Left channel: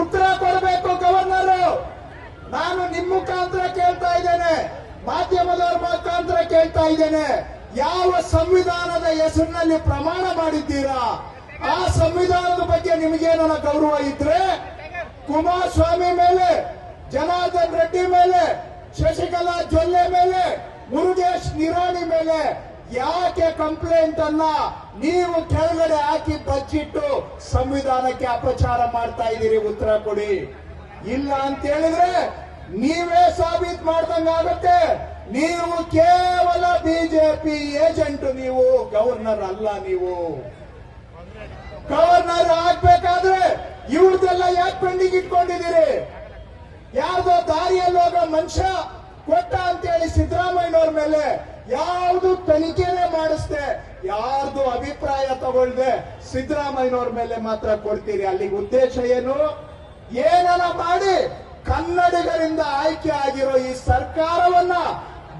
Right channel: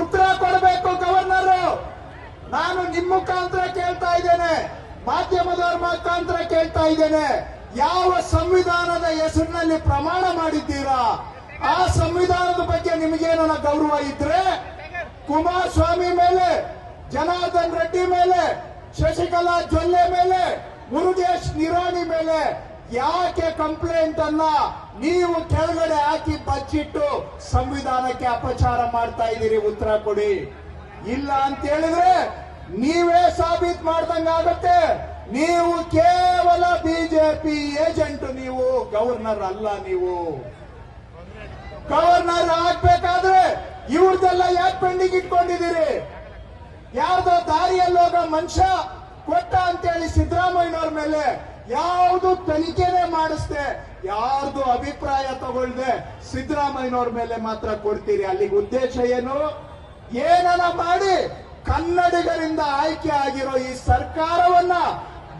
ಉತ್ತರ ಕೊಡಬೇಕು ಗವರ್ನರ್. ನಾನು ನಿಮ್ಮ ಮುಖಾಂತರ ಕೇಳ್ತಾ ಇದ್ದೇನೆ. ಮಾಧ್ಯಮದವರ ಮುಖಾಂತರ ಕೇಳ್ತಾ ಇದ್ದೇನೆ. ಯಾವ ಸಂವಿಧಾನದ ಹೆಸರಿನಲ್ಲಿ ಪ್ರಮಾಣ ಮಾಡಿದ್ದೀರಾ? ಆ ಸಂವಿಧಾನದ ಬಗ್ಗೆ ನಿಮಗೇನ ಗೌರವ ಇದ್ರೆ, ಕುಮಾರಸ್ವಾಮಿ ಮೇಲೆ, ಜನಾರ್ದನ್ ರೆಡ್ಡಿ ಮೇಲೆ, ಶಶಿಕಲಾ ಜೊಲ್ಲೆ ಮೇಲೆ, ಮುರುಗೇಶ್ ನಿರಾಣಿ ಮೇಲೆ ಯಾಕೆ ಕಂಪ್ಲೇಂಟ್ ಅಲ್ಲ? ನೀವು ಕೆಳಗಡೆ ಹಾಕಿ ಬಚ್ಚಿಟ್ಟು ಸಂವಿಧಾನಕ್ಕೆ ಅಪಚಾರ ಮಾಡ್ತಾ ಇದ್ದೀರಿ, ಉತ್ತರ ಕೊಡಿ. ಇಲ್ಲ ಅಂತ ಹೇಳಿದ್ರೆ ನೀವೇ ಸಾಬೀತ್ ಮಾಡ್ದಂಗಾಗತ್ತೆ ನೀವು ಕೇವಲ ಬಿಜೆಪಿ ಏಜೆಂಟ್ ನೀವು ಗವರ್ನರ್ ಅಲ್ಲ ನೀವು. ಗವರ್ನರ್ ಆಗ್ಬೇಕಾದ್ರೆ ಇವ್ರದೆಲ್ಲ ಯಾಕೆ ಪೆಂಡಿಂಗ್ ಇಟ್ಕೊಂಡಿದ್ದೀರಿ? ಯಾರ್ದೋ ದಾರಿಯಲ್ಲೋಗ ಮನುಷ್ಯ ಕೊಟ್ಟ ಅಂತೇಳಿ ಸಿದ್ದರಾಮಯ್ಯನವ್ರ ಮೇಲೆ ಯಾವುದು ತನಿಖೆನೇ ಮಾಡಿಸ್ದೆ, ಯಾರ್ದು ಅಭಿಪ್ರಾಯ ತಗೊಳ್ದೆ, ಸಿದ್ದರಾಮಯ್ಯನವ್ರ ಮೇಲೆ ಮಾತ್ರ ಕೊಡ್ತೀರಿ. ಅಲ್ಲಿಗೆ ಉದ್ದೇಶ ಏನು? ಏನನ ಮಾಡಿ ಕನ್ನಡಿಗರಿಂದ ಆಯ್ಕೆ ಆಗಿರೋ ಈ ಸರ್ಕಾರವನ್ನ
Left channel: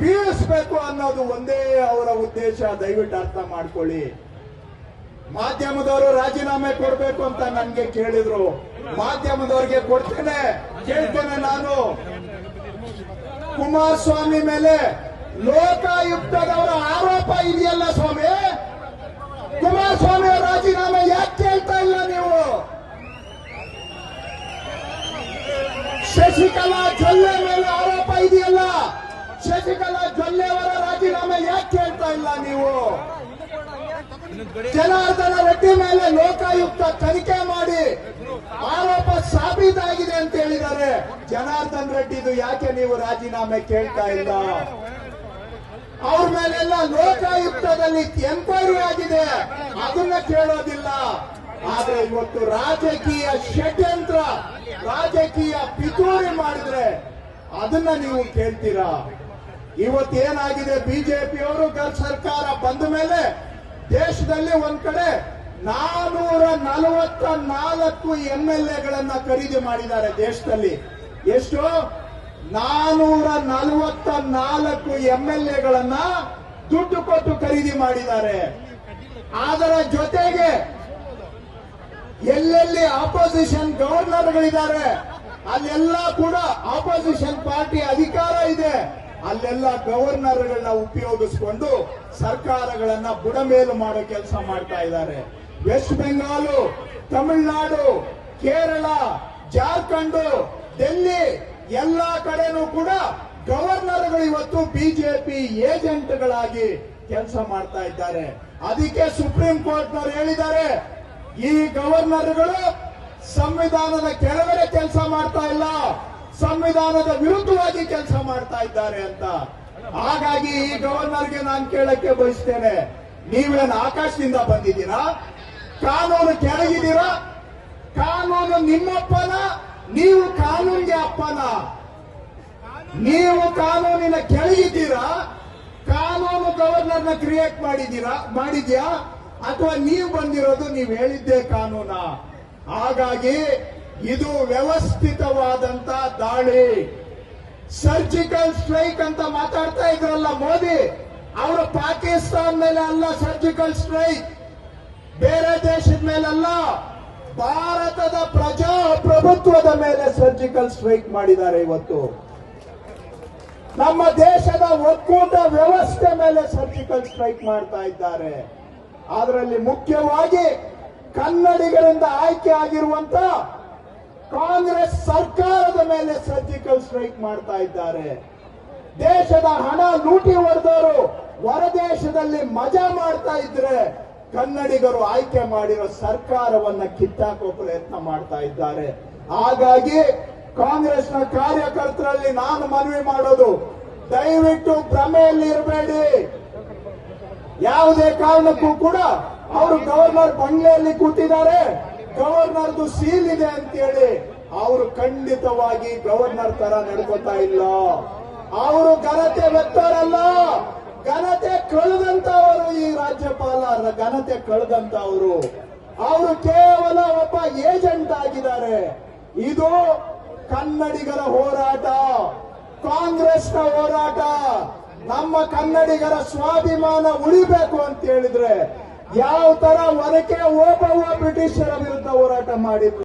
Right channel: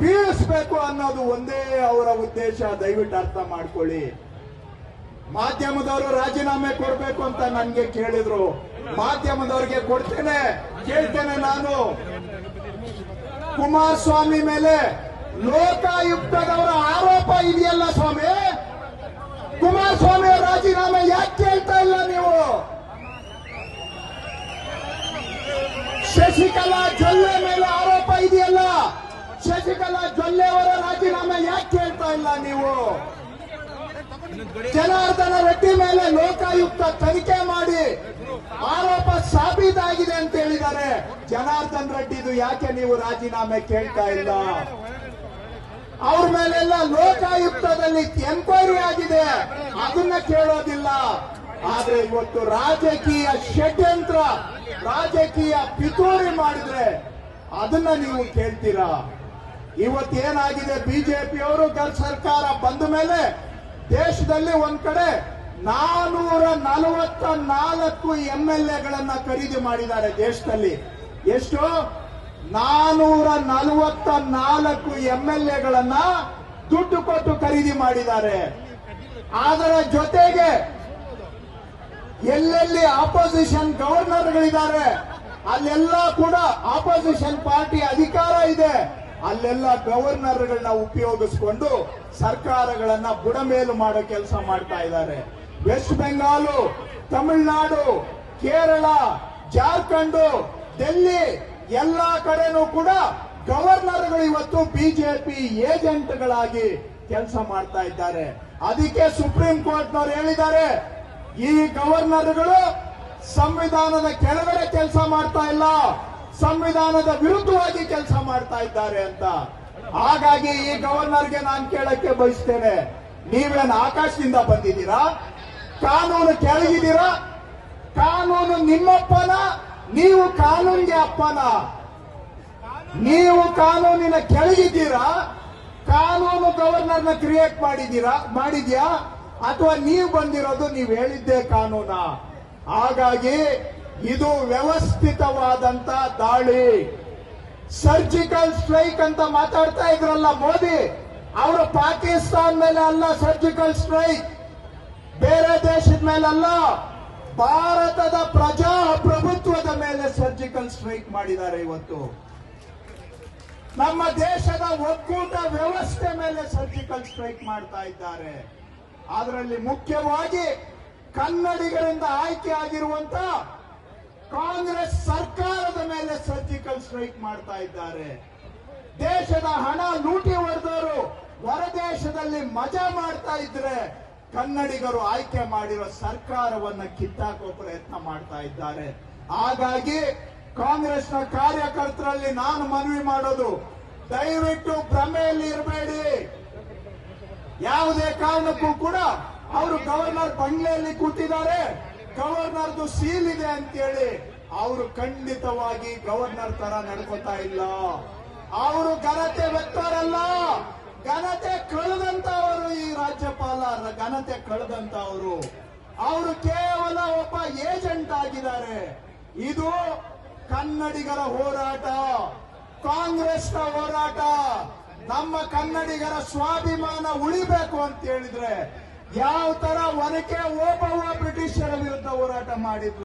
ಬೀಳಿಸ್ಬೇಕು ಅನ್ನೋದು ಒಂದೇ ಅವರ ಉದ್ದೇಶ. ದಯವಿಟ್ಟು ಅರ್ಥ ಮಾಡ್ಕೊಳ್ಳಿ. ಮಾಧ್ಯಮದವರು ರಾಜೀನಾಮೆ ಕೊಡಬೇಕು ಅಂತ ನನ್ಗೆ ಕೇಳಿದ್ರು. ಮಾಧ್ಯಮದವರಿಗೆ ಕೊಡ್ತೇನೆ, ಕೇಳ್ತೇನೆ ನಾನು. ಕುಮಾರಸ್ವಾಮಿ ಮೇಲೆ ಲೋಕಾಯುಕ್ತದವರ ಆರೋಪ ಇದೆಯಲ್ಲ ಸ್ವಾಮಿ? ಕುಮಾರಸ್ವಾಮಿ ಅವರ ರಾಜೀನಾಮೆ ಯಾಕೆ ಕೇಳ್ತಾ ಇಲ್ಲ ನೀವು? ಶಶಿಕಲಾ ಜೊಲ್ಲೆ ಮೇಲೆ ಆರೋಪ ಇದೆಯಲ್ಲ? ಶಶಿಕಲಾ ಜೊಲ್ಲೆ ಅವರ ರಾಜೀನಾಮೆ ಯಾಕೆ ಕೇಳ್ತಾ ಇಲ್ಲ ನೀವು? ಜನಾರ್ದನ ರೆಡ್ಡಿ ಮೇಲೆ ಲೋಕಾಯುಕ್ತ ತನಿಖೆ ಮಾಡಿ ಆರೋಪ ಸಾಬೀತಾಗಿದೆ ಅಂತ ಹೇಳಿದ್ದಾರೆ. ಜನಾರ್ದನ್ ರೆಡ್ಡಿದು ಯಾಕೆ ನೀವು ರಾಜೀನಾಮೆ ಕೇಳ್ತಾ ಇಲ್ಲ? ಮೇಲೆಲ್ಲ ಲೋಕಾಯುಕ್ತದಲ್ಲಿ ಎಂಕ್ವೈರಿ ಆಗಿದೆ. ಅದನ್ನ ಕೇಳೋದಿಲ್ಲ. ಆದ್ರೆ ಇವತ್ತು ರಾಜಕೀಯ ಷಡ್ಯಂತ್ರ, ರಾಜಕೀಯ ಪಿತೂರಿ ಮಾಡಿದ್ರೆ ಅದನ್ನ ನೀವು ಕೇಳ್ತೀರಾ? ಇವತ್ತೇನಾಗಿದೆ ಬಿಜೆಪಿಯವರು ಸರ್ಕಾರ ಬಂದ ಮೇಲೆ ದೇಶದಲ್ಲಿ ಒಂದ್ ಕಡೆ ನಾನೂರ ನಲವತ್ತ ನಾಲ್ಕು ಎಂ ಎಲ್ ಎಗಳನ್ನ ಖರೀದಿ ಮಾಡಿದ್ದಾರೆ ದೇಶದಲ್ಲಿ. ಎಷ್ಟು? ನಾನೂರ ನಲವತ್ತ ನಾಲ್ಕು ಎಂ ಎಲ್ ಎಗಳನ್ನ ದುಡ್ಡು ಕೊಟ್ಟು ಖರೀದಿ ಮಾಡಿದ್ದಾರೆ. ಅದರ ಜೊತೆಗೆ ಎಲ್ಲೆಲ್ಲಿ ಆಪೋಸಿಷನ್ ಗವರ್ನರ್ಗಳಿದ್ದಾರೆ ಅಲ್ಲೆಲ್ಲ ಕೂಡ ಆಪೋಸಿಷನ್ ಪಾರ್ಟಿ ಅಧಿಕಾರ ಇದೆ. ಅಲ್ಲೆಲ್ಲ ಗವರ್ನರ್ಗಳನ್ನ ಉಪಯೋಗಿಸಿಕೊಂಡು ಸರ್ಕಾರಗಳನ್ನ ಬುಡಮೇಲು ಮಾಡೋ ಕೆಲಸ ಮಾಡ್ತಾ ಇದ್ದಾರೆ. ವೆಸ್ಟ್ ಬೆಂಗಾಲು ತಮಿಳುನಾಡು ಕೇರಳ ಜಾರ್ಖಂಡ್ ಡೆಲ್ಲಿ ಎಲ್ಲಾ ಕಡೆನೂ ಕೂಡ ಗವರ್ನರ್ಗಳು ಇವತ್ತು ಬಿಜೆಪಿ ಏಜೆಂಟ್ಗಳಾಗಿ ಕೆಲಸ ಮಾಡ್ತಾ ಇದ್ದಾರೆ. ಅದಕ್ಕೆ ಸುಪ್ರೀಂ ಕೋರ್ಟ್ನವರು ಹೇಳಿದ್ದಾರೆ, ಈ ಗವರ್ನರ್ಗಳು ಸಂವಿಧಾನದ ಕೆಳಗಡೆ ಕೆಲಸ ಮಾಡ್ತಾ ಇಲ್ಲ, ಸಂವಿಧಾನದ ವಿರುದ್ಧವಾಗಿ ಕೆಲಸ ಮಾಡ್ತಾ ಇದ್ದಾರೆ ಅಂತ. ಹಾಗಾಗಿ ಈ ಗವರ್ನರ್ಗೆ ನಾನು ಕೇಳಕ್ಕೆ ಬಯಸ್ತೇನೆ. ನೀವೇನು ಆಕಾಶದಿಂದ ಬಂದಿದ್ದೀರಾ? ಕಾನೂನು ಕೆಳಗಿದ್ದೀರಾ? ಕಾನೂನು ನಿಮ್ಮಪ್ಪನ, ನೀವು ಅಪ್ಪನ. ನೀವು ಕಾನೂನಿನ ಕೆಳಗಿದ್ದೀರಾ? ಕಾನೂನು ಗವರ್ನರ್ನ ಕ್ರಿಯೇಟ್ ಮಾಡಿದ್ದೀರಾ? ಮಾಡಿದ್ಯಾ? ಅಥವಾ ನೀವು ಬಂದಿರೋದು ನೀವು ಹೇಳಿದ್ದೇ ಕಾನೂನ? ಹಾಗಾಗಿ ಇದು ವ್ಯವಸ್ಥಿತವಾದಂತ ದಾಳಿ. ಸರ್ಜಿಕಲ್ ಸ್ಟ್ರೈಕ್ ಅಂತ ಮಾತಾಡ್ತಾ ಇದ್ರಲ್ಲ ಮೋದಿ, ಅವರು ಪಾಕಿಸ್ತಾನ ಮೇಲೆ ಅಲ್ಲ ಸರ್ಜಿಕಲ್ ಸ್ಟ್ರೈಕ್ ಬೇರೆ ದೇಶದ ಅಲ್ಲ, ಭಾರತದ ಪ್ರಜಾಪ್ರಭುತ್ವದ ಮೇಲೆ ಸರ್ಜಿಕಲ್ ಸ್ಟ್ರೈಕ್ ಮಾಡಿದ್ದಾರೆ ಇವತ್ತು. ನಮ್ಮ ದೇಶದ ಒಕ್ಕೂಟ ವ್ಯವಸ್ಥೆ ಮೇಲೆ ಸರ್ಜಿಕಲ್ ಸ್ಟ್ರೈಕ್ ಮಾಡ್ತಾ ಇದ್ದಾರೆ. ಅದರಲ್ಲಿ ಮುಖ್ಯವಾಗಿ ಕನ್ನಡಿಗರಿಂದ ಆಯ್ಕೆ ಆಗಿರುವಂತ ಕಾಂಗ್ರೆಸ್ ಸರ್ಕಾರದ ಮೇಲೆ ಸರ್ಜಿಕಲ್ ಸ್ಟ್ರೈಕ್ ಮಾಡ್ತಾ ಇದ್ದಾರೆ. ದೇಶದ ಹಣ ಲೂಟಿ ಹೊಡೆದವರು ಹೊರದೇಶದಲ್ಲಿ ಮಜಾ ಮಾಡ್ತಾ ಇದ್ರೆ ಕನ್ನಡಿಗರು ಆಯ್ಕೆ ಮಾಡಿರೋ ಸರ್ಕಾರವನ್ನ ಕಿತ್ತಾಕೋ ಪ್ರಯತ್ನ ಮಾಡ್ತಾ ಇದ್ದಾರೆ. ಹಾಗಾಗಿ ಕಾಂಗ್ರೆಸ್ನ ಕಾರ್ಯಕರ್ತರಲ್ಲಿ ನಾನು ಮನವಿ ಮಾಡೋದು, ದಯವಿಟ್ಟು ಭ್ರಮೆಯಲ್ಲಿ ಇರಬೇಡಿ. ಯಾವುದೇ ಕಾರಣಕ್ಕೂ ಕೂಡ ಅವರು ಗವರ್ನರ್ ಬಂಗ್ಲೆಯಲ್ಲಿ ಕೂತಿದ್ದಾರೆ. ಗವರ್ನರ್ದು ಸೀಲ್ ಇದೆ ಅಂತೇಳಿ ಅವರು ಖಂಡಿತವಾಗಿ ಗವರ್ನರ್ ತರ ನಡ್ಕೋತಾ ಇಲ್ಲ. ಅವರು ಘನತೆ ವ್ಯಕ್ತರಲ್ಲ ಘನತೆ ಕಳೆದಂತವರು ಈ ರಾಜ್ಯಪಾಲ ಘನತೆ ಕಳೆದಂತವರು ಅವರು ಕೇವಲ ಒಬ್ಬ ಏಜೆಂಟ್ ಆಗಿದ್ದಾರೆ. ಇದು ಕನ್ನಡಿಗರ ಹೋರಾಟ. ಕಾಂಗ್ರೆಸ್ನ ಹೋರಾಟ. ನಮ್ಮ ಕನ್ನಡಿಗರ ಸ್ವಾಭಿಮಾನ ಉಳಿಬೇಕು ಅಂತ ಹೇಳಿದ್ರೆ ಯಾವ ತರ ಒನಕೆ ಓಬವ್ವ ಬ್ರಿಟಿಷರ ವಿರುದ್ಧ ಹೋರಾಟ ಮಾಡಿದ್ರು.